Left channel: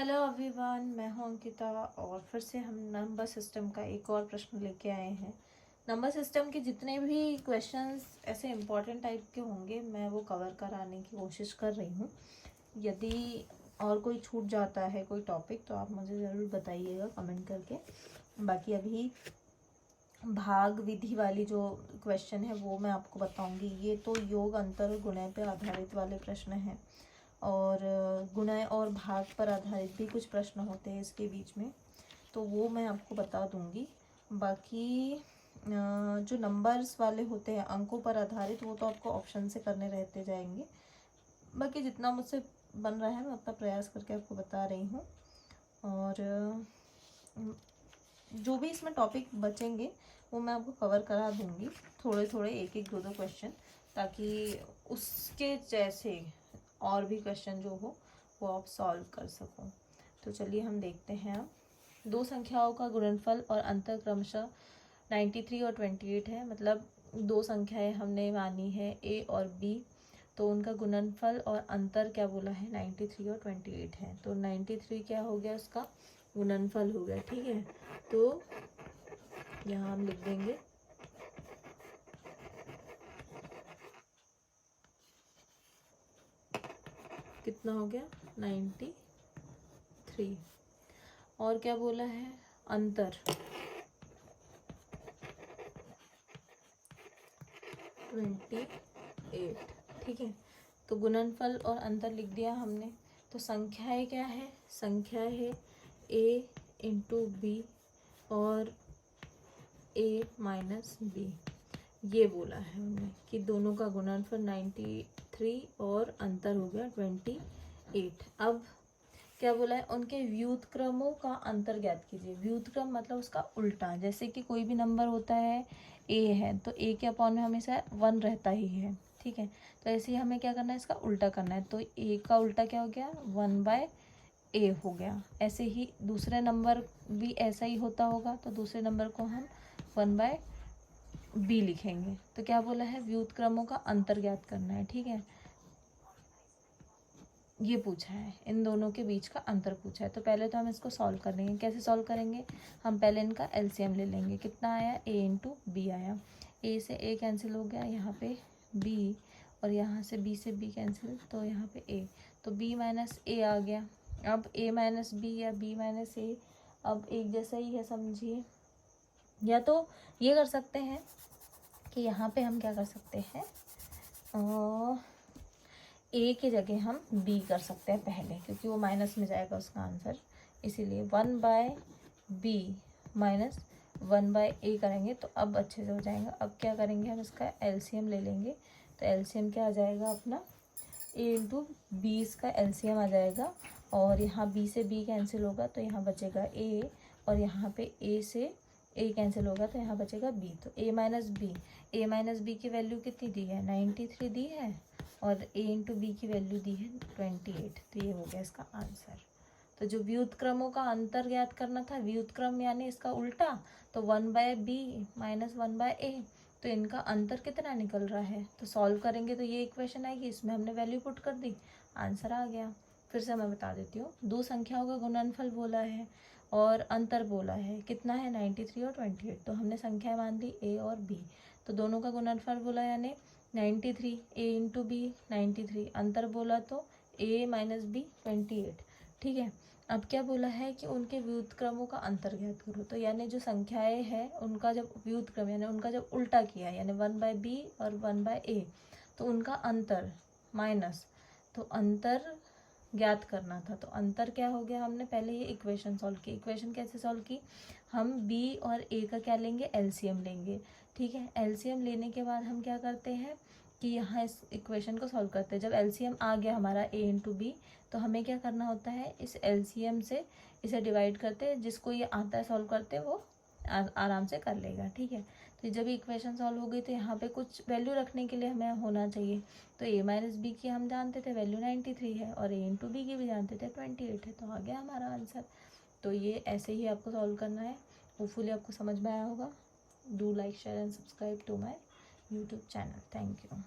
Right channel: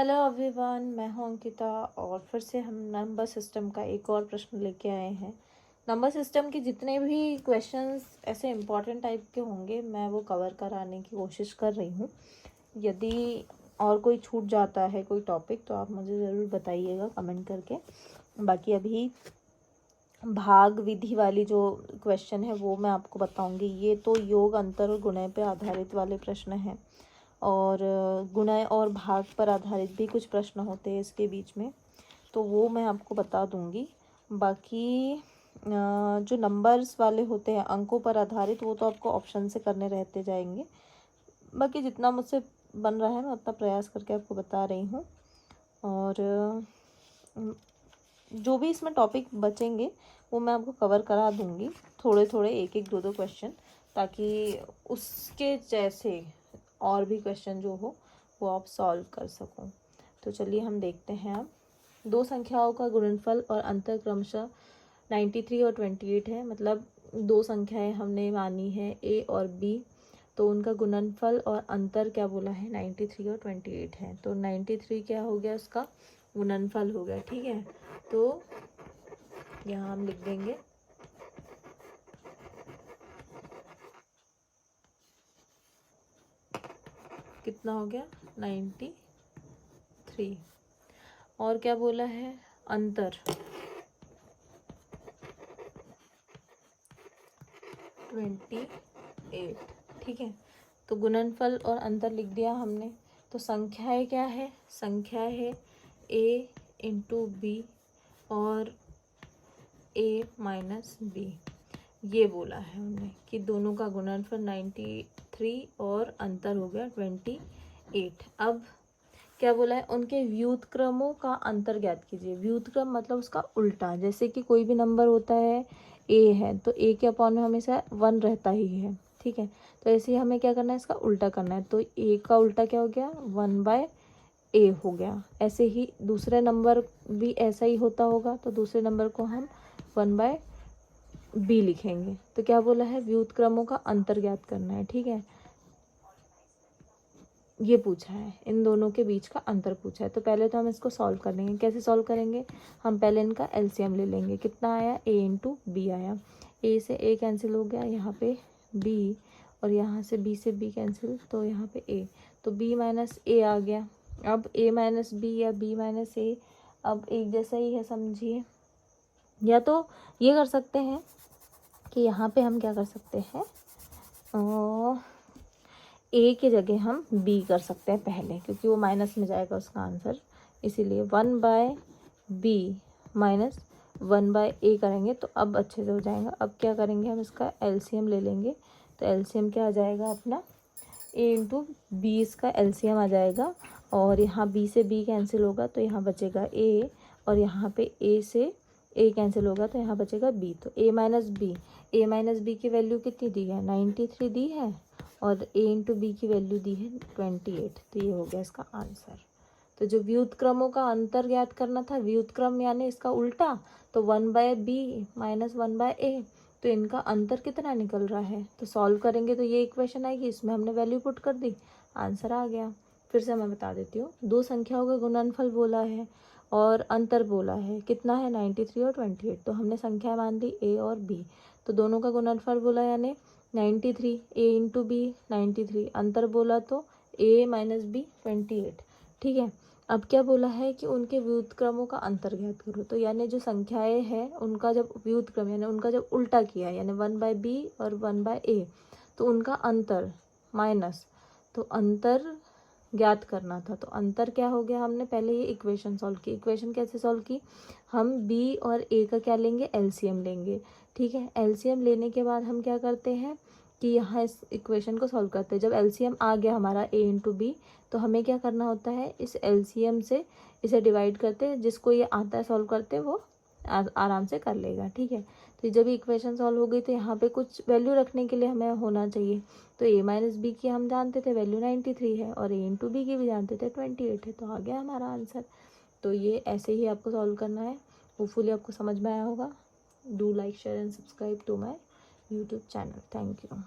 Hello everyone, मैं हूं अंकिता और फिर से हम नंबर सिस्टम का एक और प्रश्न लेके आए हैं। नंबर सिस्टम के जितने भी क्वेश्चंस ऐसे इम्पोर्टेंट टाइप के होंगे मैं वो कवर कराने की कोशिश कर रही हूँ। यदि और कोई छूट जाता है कोई टॉपिक तो आप मुझे ज़रूर बताइएगा कमेंट करके। बाकी अभी भाग विधि वाली जो क्वेश्चन है वो मैं आपको बताऊंगी। ये तो योग, अंतर और गुणय पे आधारित वाले प्रश्न हैं और गुणय और भाग पर आधारित भी कुछ प्रश्न होते हैं इसके बीच में, तो वो मैं आपको बता दूंगी। बाकी जो नंबर्स वाले होते हैं अंकों पर आधारित, वो तो आपको ऑप्शन से करने रहते जाएंगे। बाकी जितना मुझसे बन रहा है मैं उतना प्रयास करके आपको बता रही हूँ। और जो भी इसमें टॉपिक बचेंगे वो मैं आपको कवर करा दूंगी, थोड़े थोड़े एक एक दो क्वेश्चन, ताकि उसके जैसे और भी क्वेश्चन जो हो वो आप सॉल्व कर सको। तो चलिए हम देखते हैं। अब दो संख्याओं का गुणनफल और अंतर क्रमशः 93 और 28 है। मतलब दो संख्याएं हमने मानी है ए और बी, तो उनका गुणनफल और अंतर क्या बोला है 93 और 28 है। तो 93 क्या हो गया, उसका गुणनफल हो गया। ठीक है, तो यहाँ हम लिख देंगे कितना हो गया 93। और क्या बोला है, अंतर 28। ठीक है, तो गुणनफल और अंतर लिख दिया हमने। तो संख्याएं क्या है, संख्या है a इंटू बी और a माइनस बी। ये बोला है हमने कि दोनों का गुणनफल 93 और अंतर हो गया 28। अब क्या बोला है, उनके व्युत्क्रमों का अंतर ज्ञात कीजिए। व्युत्क्रम मतलब उसका उल्टा। जैसे कि कोई भी नंबर होता है a है तो a के अपॉन में हमेशा 1 रहता ही है। ठीक है, तो ऐसे ही हमें क्या करना है, इसका उल्टा करना है। तो a का उल्टा क्या हो गया, 1/a हो गया। ऐसे ही दूसरे नंबर भी ऐसा ही होता होगा, तो दूसरे नंबर को हम 1/b लिखेंगे। तो क्या बोला है, व्युत्क्रमों का अंतर ज्ञात करना है। ठीक है, ये पूछा है, इन दोनों के बीच का अंतर पूछा है। तो पहले तो हम इसको सॉल्व करेंगे। कैसे सॉल्व करेंगे, हम पहले इनका एलसीएम ले लेंगे। कितना आया, a इंटू बी आया। a से a कैंसिल हो गया, यहाँ पे b, और यहाँ से b से b कैंसिल, तो यहाँ पे a। तो b माइनस a आ गया। अब a माइनस b या b माइनस a अब एक जैसा ही है समझिए। या तो ये कर सकते हैं कि यहाँ पे हम क्या कर सकते हैं, ए की जगह हम बी कर सकते हैं पहले, क्योंकि वो माइनस में जाएगा उसका आंसर। इसीलिए 1/b माइनस 1/a करेंगे तो अब अच्छे से हो जाएगा। अब क्या करेंगे, हम इसका एलसीएम ले लेंगे। तो एलसीएम क्या आ जाएगा अपना, a इंटू बी, इसका एलसीएम आ जाएगा। और यहाँ b से b कैंसिल होगा तो यहाँ बचेगा a, और यहाँ पे a से a कैंसिल होगा तो यहाँ बचेगा b। तो a माइनस बी की वैल्यू कितनी दी है, 93 दी है, और a इंटू बी की वैल्यू दी है 28। तो ये हो गया इसका आंसर। तो जो व्युत्क्रमों का अंतर ज्ञात करना था, व्युत्क्रम यानी इसका उल्टा, तो 1/b माइनस 1/a, तो इनका अंतर कितना निकल रहा है। तो सॉल्व करेंगे तो ये इक्वेशन आएगी, इसमें हमने वैल्यू पुट कर दी, आंसर आ गया। फिर से मैं बता देती हूँ, दो संख्याओं का गुणनफल बोला है और अंतर बोला है, कितना है 93 और 28। तो हमने संख्या मान ली a और b, तो दोनों का गुणनफल बोला यानी 93, a इंटू बी 93, अंतर बोला तो a माइनस बी 28। ठीक है, अब क्या बोला है कि उनके व्युत्क्रमों का अंतर ज्ञात करो। तो यानी जो संख्याएं हैं उनका जब व्युत्क्रम यानी उनका जब उल्टा किया, यानी 1/b और 1/a, तो उनका अंतर माइनस, तो अंतर ज्ञात करना था। तो अंतर क्या हो गया, हमने पहले ये इक्वेशन सॉल्व की। इक्वेशन कैसे सॉल्व की, हम b और a का क्या लेंगे, एलसीएम लेंगे। ठीक है, एलसीएम लेने के बाद हम क्या करते हैं कि यहाँ इस इक्वेशन को सॉल्व करते हैं। जब एलसीएम आ गया हमारा a इंटू बी, तो हमें क्या करना होता है, इस एलसीएम से इसे डिवाइड करते हैं। जिसको ये आता है सॉल्व करते वो आराम से कर लेगा। ठीक है, तो जब इक्वेशन सॉल्व हो गई तो यहाँ पे कुछ वैल्यू रखने के लिए हमें होना चाहिए। तो a माइनस बी की हम जानते थे वैल्यू 93 है, और a इंटू बी की भी जानते थे 28 है, तो आ गया हमारा आंसर। तो ये ऐसे ही आपको सॉल्व करना है। होपफुली आपको समझ में आया होगा। Do like, share and subscribe to my YouTube channel. Thank you.